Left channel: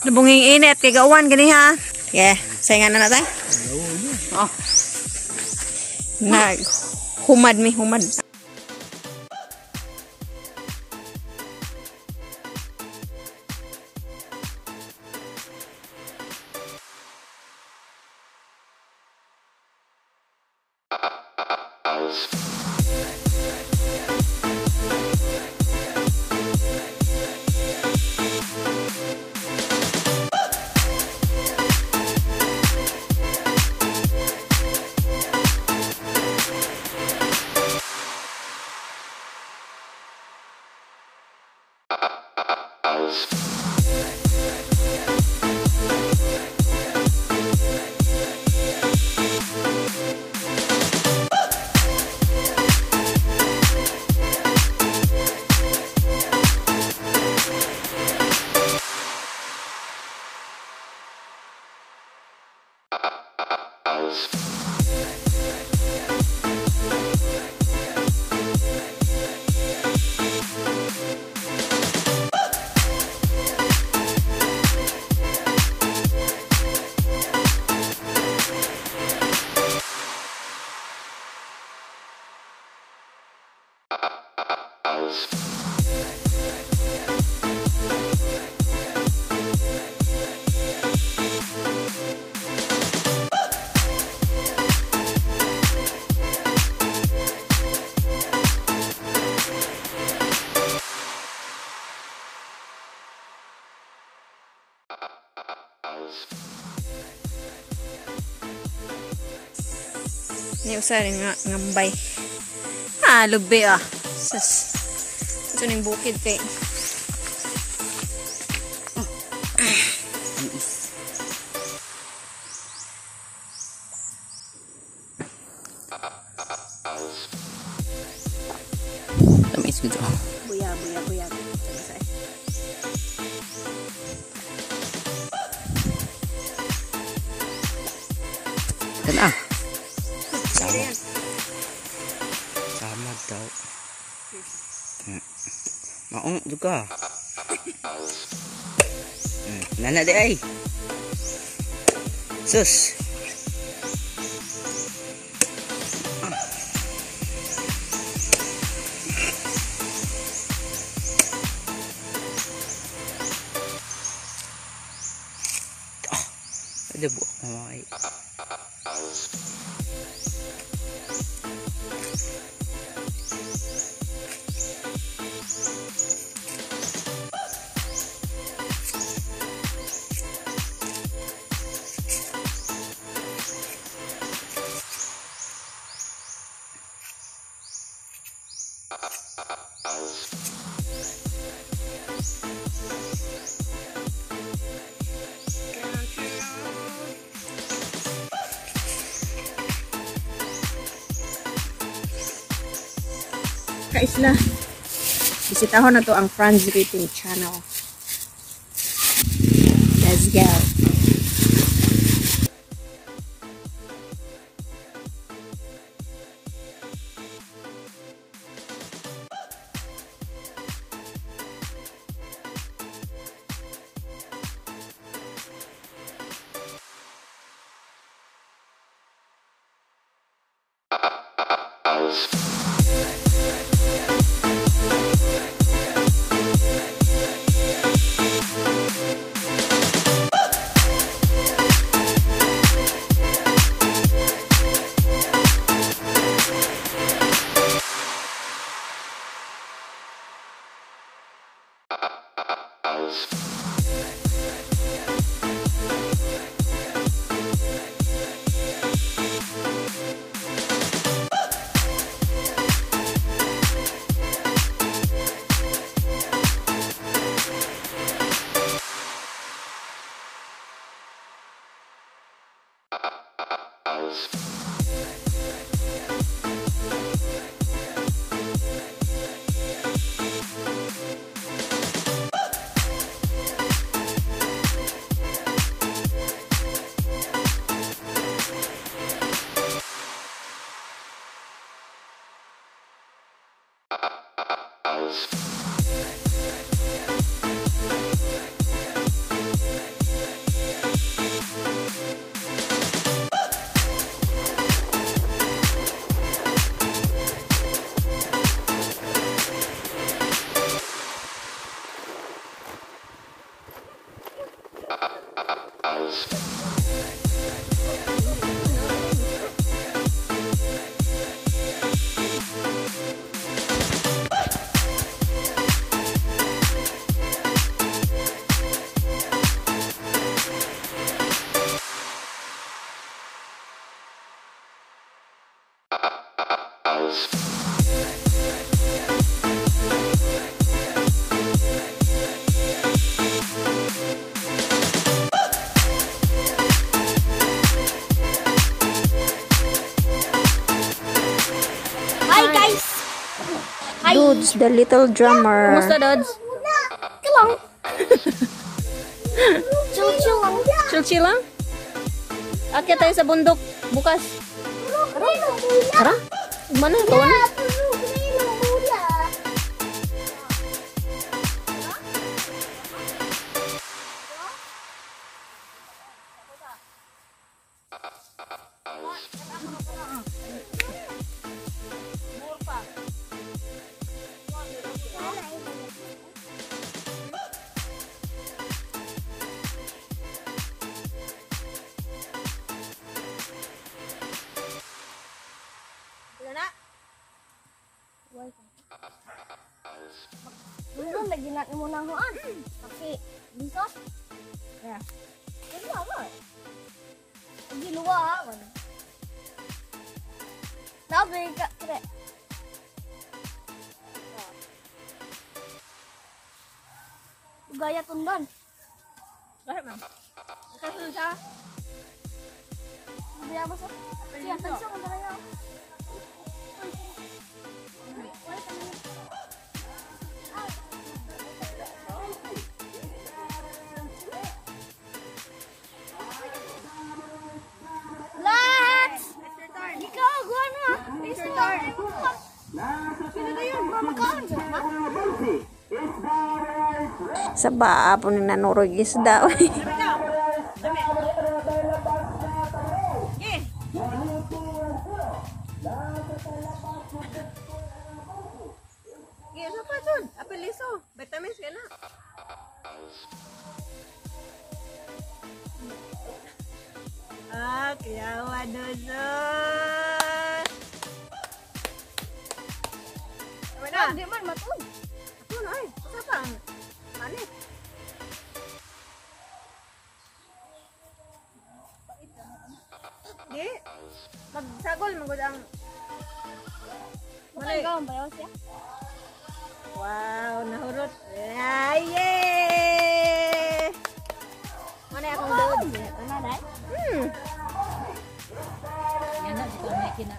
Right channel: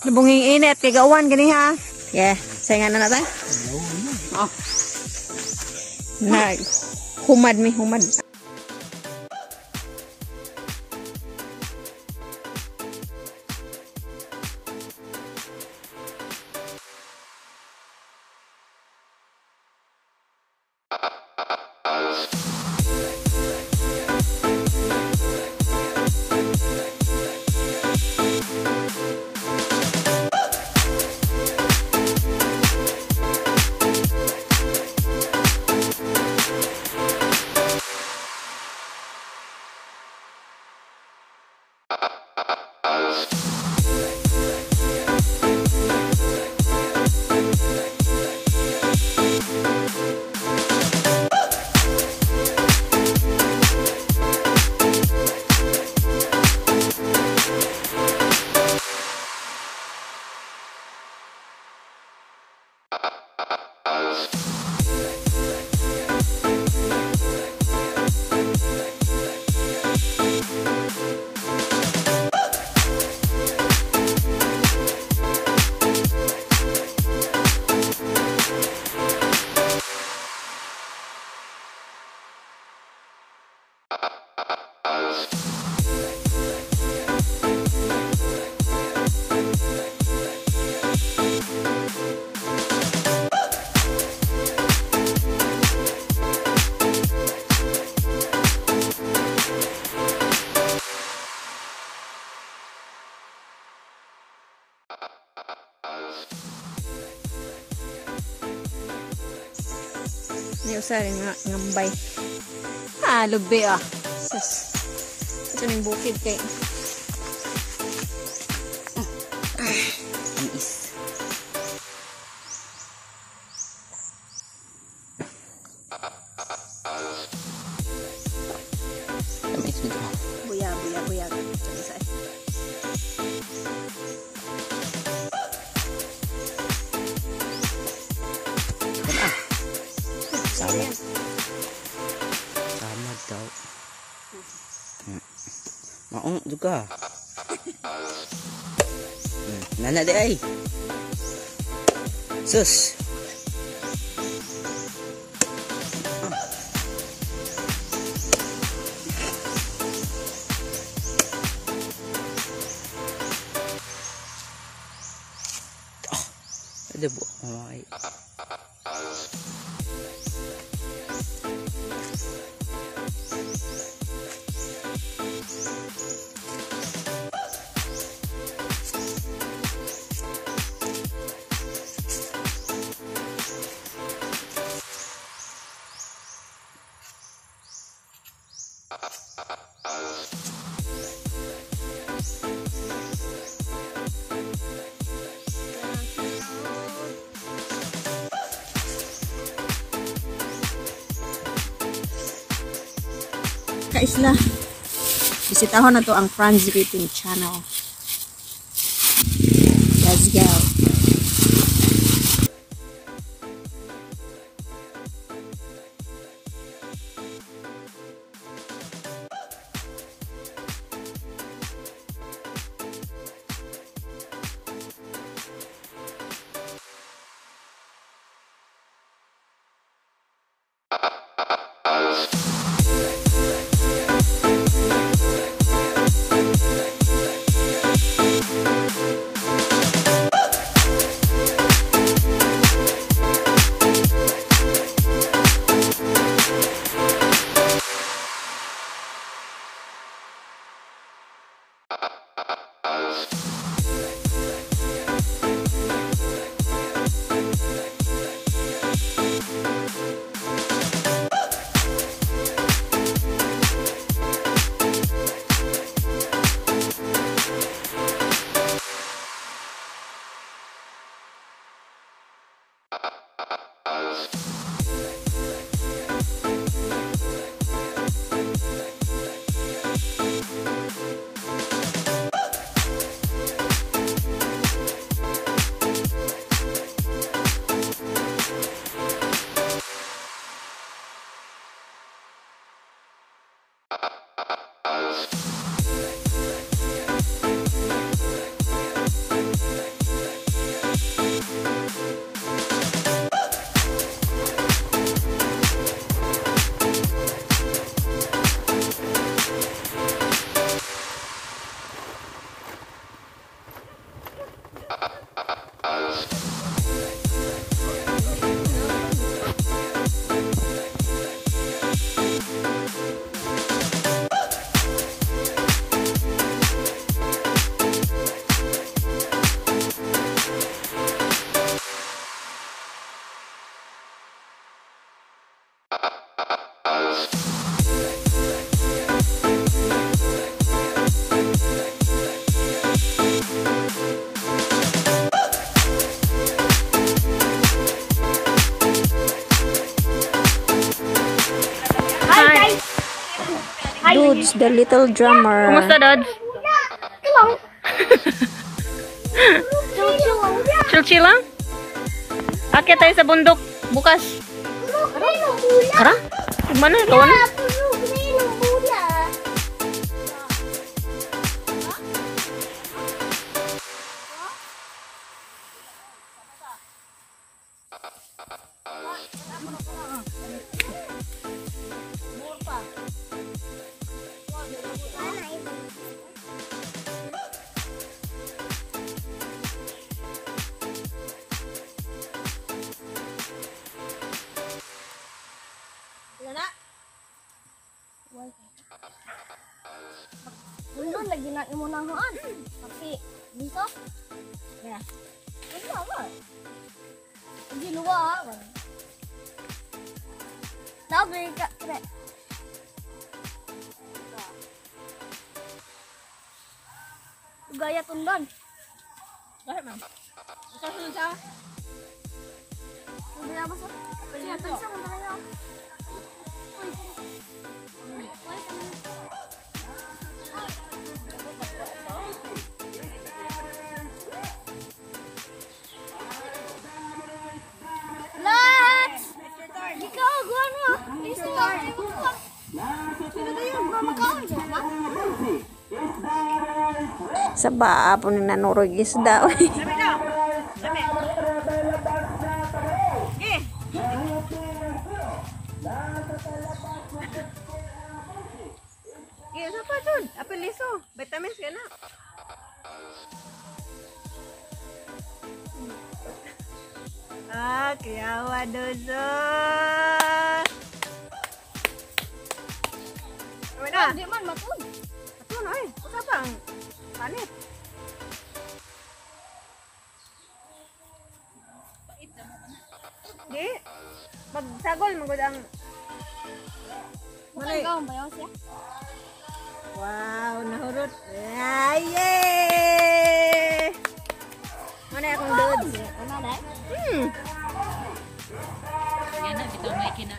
Nabunging init kay uwan gani ha. Yeah, sayangan na natin. Humad. Ini usah ngambay. Lubi ah. Ito ning bukid kay. Tamis gitu. Buya. Sama daw. Maong juga. Nana deh ay. Sus. Ada buah humay. Kaisla, bisitahon na to ang Franz Greeting Channel. Let's go. Dudes, the little drummer. Kumusta, Dudes? Chill lang? Akyat tayo sa bundok bukas. Tara? Mana ito? Doon lagi nak mo nang huan. Kasi dito. Ya. Ini apa? Di luar. Tahu gak kira. Gaya tundan. Bakit, ma'am? Kasunod siya? Bili apa sih? Siapa sih yang beraya? Sa baa po ni nanurog isda. Iya, apa Jun? Apa liso? Vitamins ka na. Ah, kiyawa dodo. Di man matun. Matun ay, pasapang. Panit. Di, magsagol magud ang. Bukan kau bayaw siya. Wow, nahurot. Ay, yay! Mana akong doon? Mana dai? Yan na, kita may kina.